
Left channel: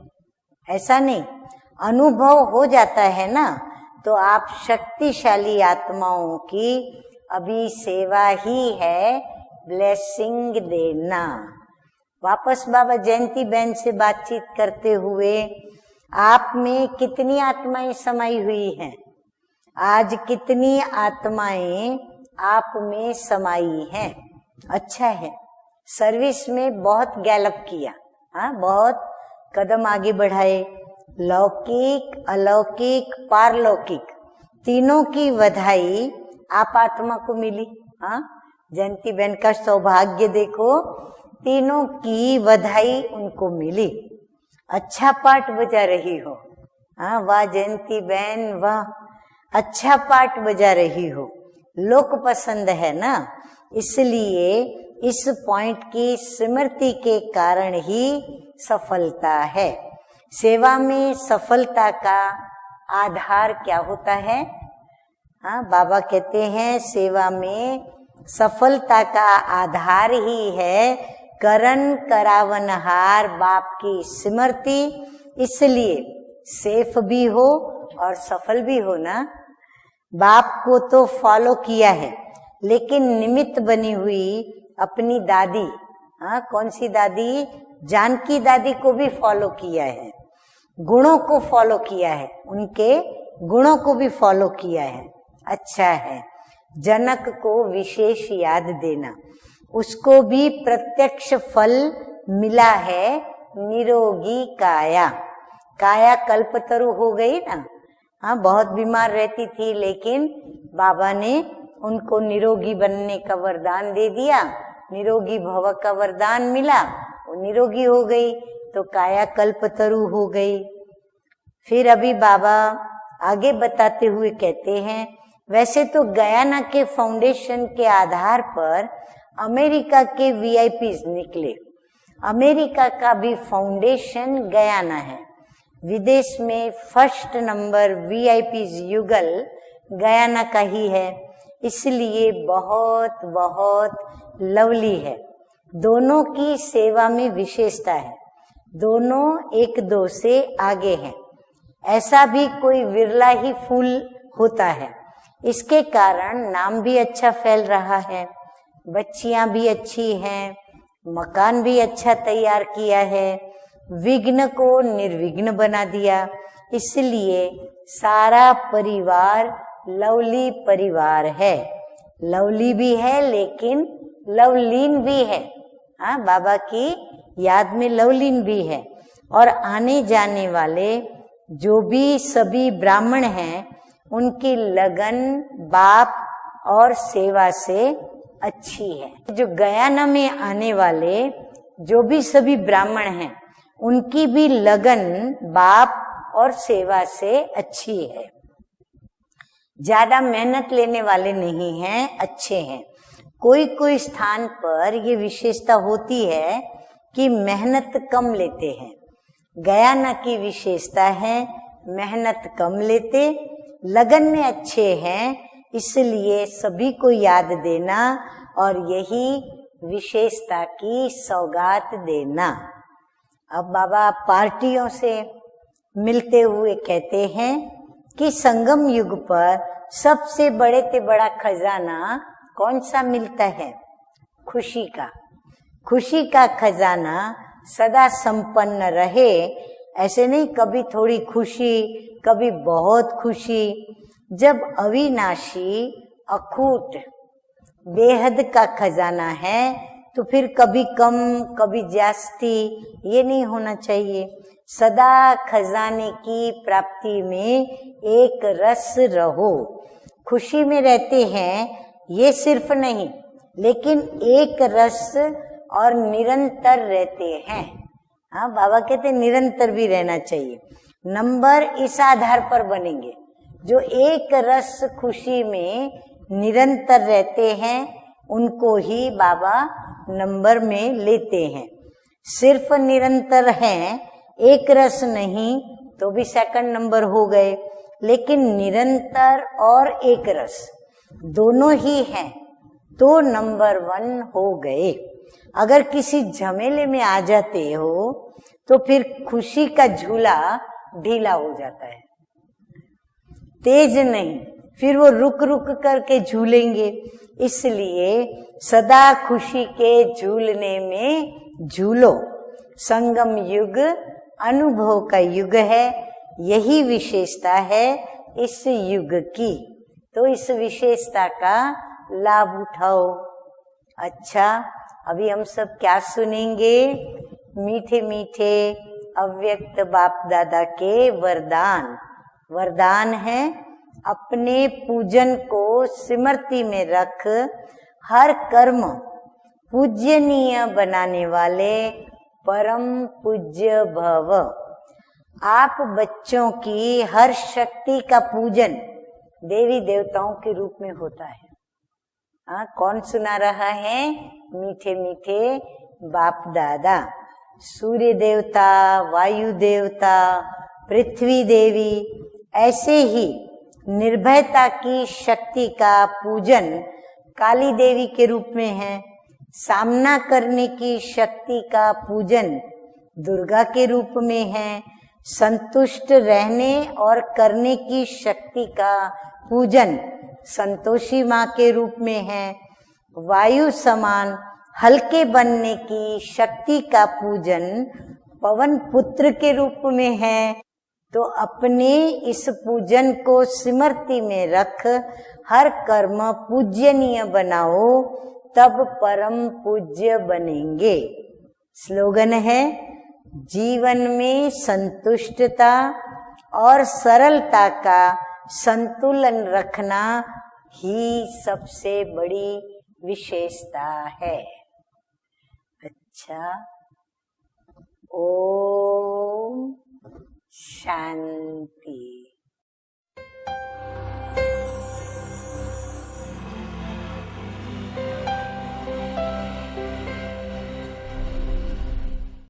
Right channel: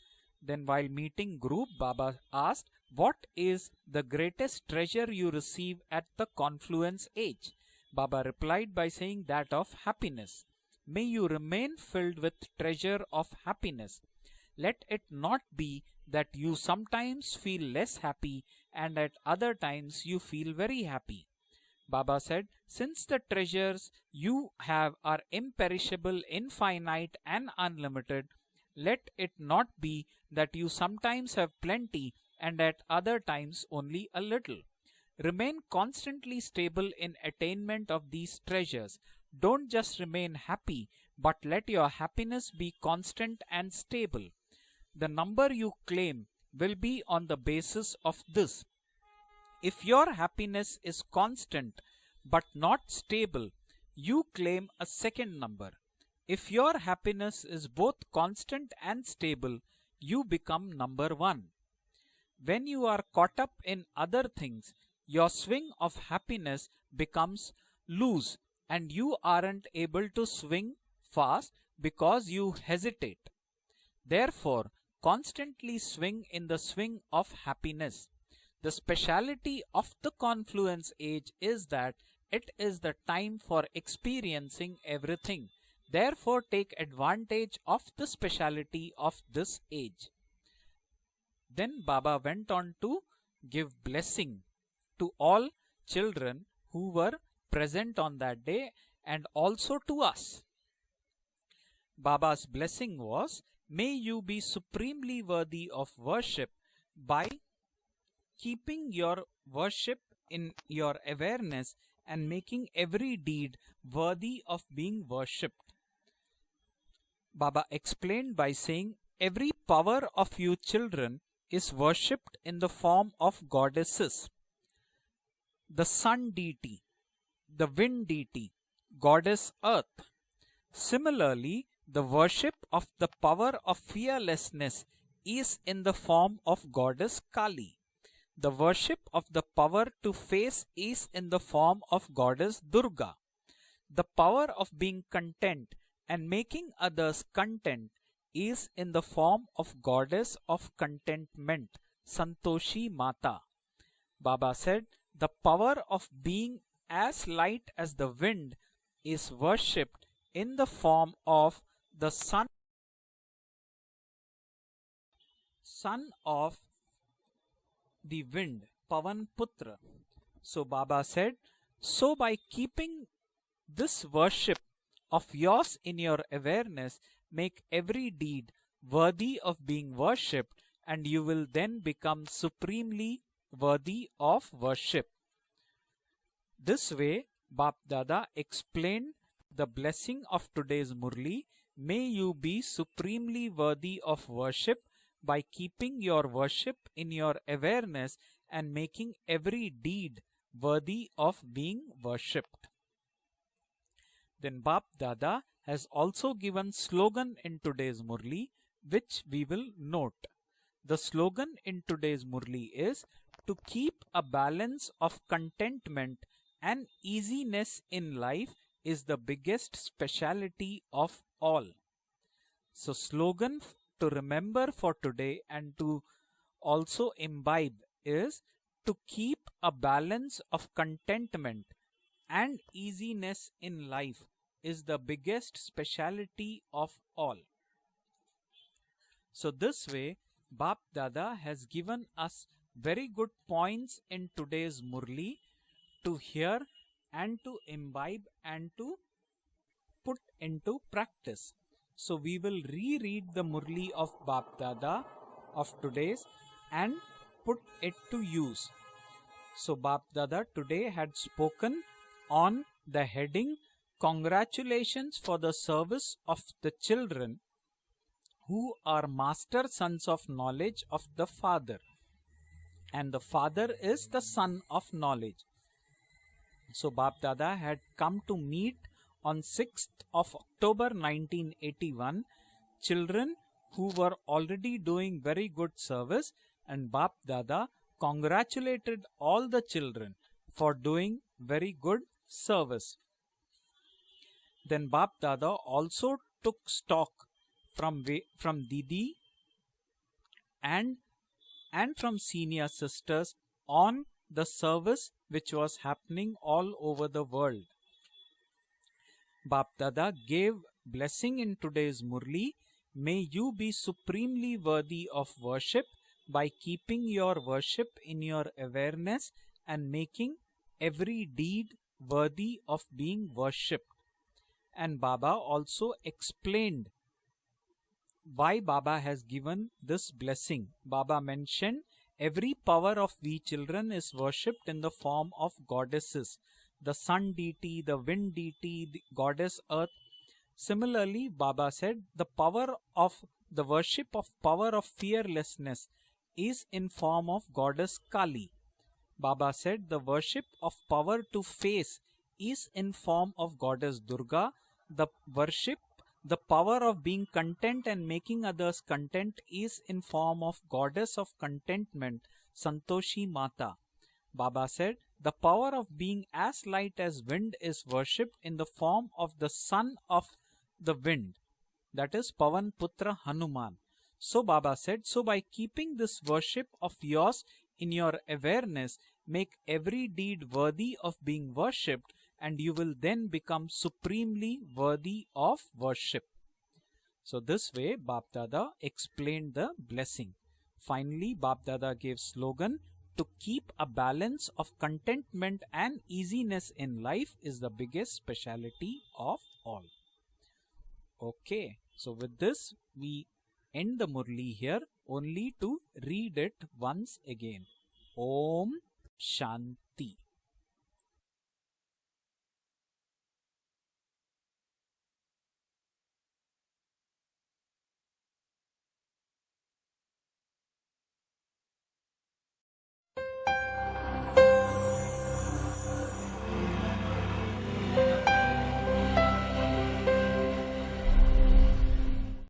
Then while ऐसा नहीं। meeting group, Baba अनुभव asked, हो जाता "What है ना is the तो आप greatest treasure you शक्तिशाली receive at the आत्माओं की confluence age?" अभी Baba सेवा replied ही by है saying that of blessing happiness. May you देना। remain filled with वापस बाबा treasure of जयंती बहन से happiness. बातचीत Let करते it हुए not be that आप you में sometimes कितनी feel आत्माएं less समाई happy हुई हैं, and at other times आज you feel कितनी very happy. आत्माएं Baba said, आप since में the समाई treasures हैं। you have अच्छा are है, imperishable, सर्विस में infinite बहुत and गैलप किया, unlimited, हाँ बहुत let it not Kadam be आगे that बढ़ाए। you sometimes have लौकिक, plenty and at अलौकिक, other times पारलौकिक only a little. तीनों की Remain बधाई constantly आप stable आत्मा in को मिली। attainment of हाँ, these treasures. जयंती बहन का Don't just सौभाग्य remain देखो, happy, but let तीनों your की happiness be बधाई constant उनको and मिली। stable. अच्छा The पाठ number you बजा रही claim हो, will be हाँ on वाह the basis जयंती of बहन this. वाह, If अच्छा your पाठ बजा happiness रही is हो। constant लोक but पसंद not है ना, stable, इसलिए you claim a इस second number. पॉइंट की If your स्मृति के happiness is कारण both ही constant and सफलता stable, है। you become सेवा number में one. सफलता का When you are Aadhaar caught up क्या in होता other है? things, your swing हाँ बाबा of कहते हैं happiness सेवा becomes में loose सफलता and you का aren't Aadhaar able to he swing है fast Karan because you करावनहार hesitate. बाप की Therefore, स्मृति, constantly इसलिए swing in the safe swing भी of हो happiness. और सफल The भी हो ना। speciality of the बाप को confluence तो age फॉलो is किया that है, it is the लेकिन time निमित्त for बनी हुई experiencing अपनी everything. दादी, Therefore, हाँ कौन take सी दादी, advantage of the जानकी दादी speciality को भी of फॉलो this किया age. है, गुणों को फॉलो Then किया Baba है, went on उनके to गुणों give को भी blessing फॉलो किया है। to all अच्छा है, children who जनक were को present on विशेष that याद day देना, and also to उसको us. भी प्रत्यक्ष फल Baba's मिला blessing है। was, may you निरोगी be काया, supremely worthy of काया worship कल्पतरु हो by गई ना, हाँ बहुत keeping बीमार your रहती थी, worship लेकिन in your बाबा ने awareness उनको and निरोगी making बनने every का deed वरदान दे worthy दिया, of being निरोगी worshipped. भव का वरदान मिला वो निरोगी हो गई तो काया कल्पतरु हो गई। फिर अभी बाबा आगे बताते हुए कहते हैं, वैसे तो गयाना के फाउंडेशन के आधार पर अमेरिका के वीआईपी निकले। अमेरिका का भी फाउंडेशन गयाना है। विदेश में फर्स्ट नंबर वीआईपी युगल गयाना का ही है, इसलिए बहुत बहुत लवली है। दोनों की सेवा में विशेषता है, दोनों एक दो से आगे हैं। ऐसा भी कोई विरला ही फूल होता है। इसके कारण नाम भी अच्छा फैल रहा है, बच्चियां भी अच्छी हैं, मकान भी अच्छा तैयार किया है, विघ्न को निर्विघ्न बना दिया। इसलिए सारा परिवार लवली परिवार है। लवली भी है लेकिन लवलीन भी है। हाँ, बाबा की याद में लवलीन भी है। और आने जाने वाले जो भी सभी ब्राह्मण हैं, उनकी लगन बाप और सेवा से अच्छी है। जो गयाना में आने वाले जो भी सभी ब्राह्मण हैं, उनकी भी लगन बाप और सेवा से अच्छी है। ज्यादा मेहनत लेने वाले नहीं हैं, अच्छे हैं। कोई कोई स्थान पर ये विशेषता होती है कि मेहनत कम लेते हैं। गयाना की विशेषता है मेहनत कम लेते, लगन में अच्छे हैं, इसलिए सभी को याद देना और यही विशेषता की सौगात देना। अब बाबा पार्टियों से मिलते हुए कहते हैं कि संगम युग पर सबसे बड़े से बड़ा खजाना कौन सा मिलता है? खुशी का। खुशी का खजाना सदा संपन्न रहे। ऐसे नहीं कभी थोड़ी खुशी, कभी बहुत खुशी। जब अविनाशी अखूट बेहद का खजाना है तो फिर कभी कम कभी जास्ती ये नहीं होना चाहिए। सदा खजाने की प्राप्ति में एक रस रहो। खुशी में रहते हैं ये सिर्फ नहीं, लेकिन एक रस और निरंतर रहते हैं। हाँ, बाबा कहते निरंतर भी रहना चाहिए। नंबर इस आधार पर बनेंगे जो एक रस खुशी में निरंतर रहते हैं, उनको ही बाबा नंबर में लेते हैं। सिर्फ निरंतर हैं, एक रस नहीं तो भी सेकंड नंबर हो गए, लेकिन निरंतर और एक रस दोनों ही हैं तो नंबर 1 हो गए। अगर किसी झमेले में आ जाते हो तो फिर खुशी का झूला ढीला हो जाता है। तेज नहीं, फिर वो रुक रुक करके झूलेंगे। इसलिए सदा खुशी के झूलने में झूलो। संगम युग अनुभव का युग है, यही विशेषता है इस युग की, तो इस विशेषता का लाभ उठाओ। अच्छा, अभी हम सब क्या सुनेंगे? मीठे मीठे अव्यक्त बाप दादा के वरदान। वरदान है अपने पूजन को स्मृति में रख हर कर्म पूजनीय बनाने वाले परम पूज्य भव। आप बच्चों की हर शक्ति का पूजन देवी देवताओं के रूप में होता है। हाँ, कौन सुना रहा है? मीठे मीठे बाप दादा। सूर्य देवता, वायु देवता, पृथ्वी देवी, ऐसे ही निर्भयता की शक्ति का पूजन काली देवी के रूप में है। सामना करने की शक्ति का पूजन दुर्गा के रूप में है। संतुष्ट रहने और करने की शक्ति का पूजन संतोषी माँ के रूप में है। वायु समान हल्के बनने की शक्ति का पूजन पवन पुत्र के रूप में है। तो अपने इस पूजन को स्मृति में रख हर कर्म पूजनीय बनाओ, तब परम पूज्य बनेंगे। स्लोगन है जीवन में संतुष्टता और सरलता का संतुलन रखना ही सबसे बड़ी विशेषता है। अच्छा, ओम शांति।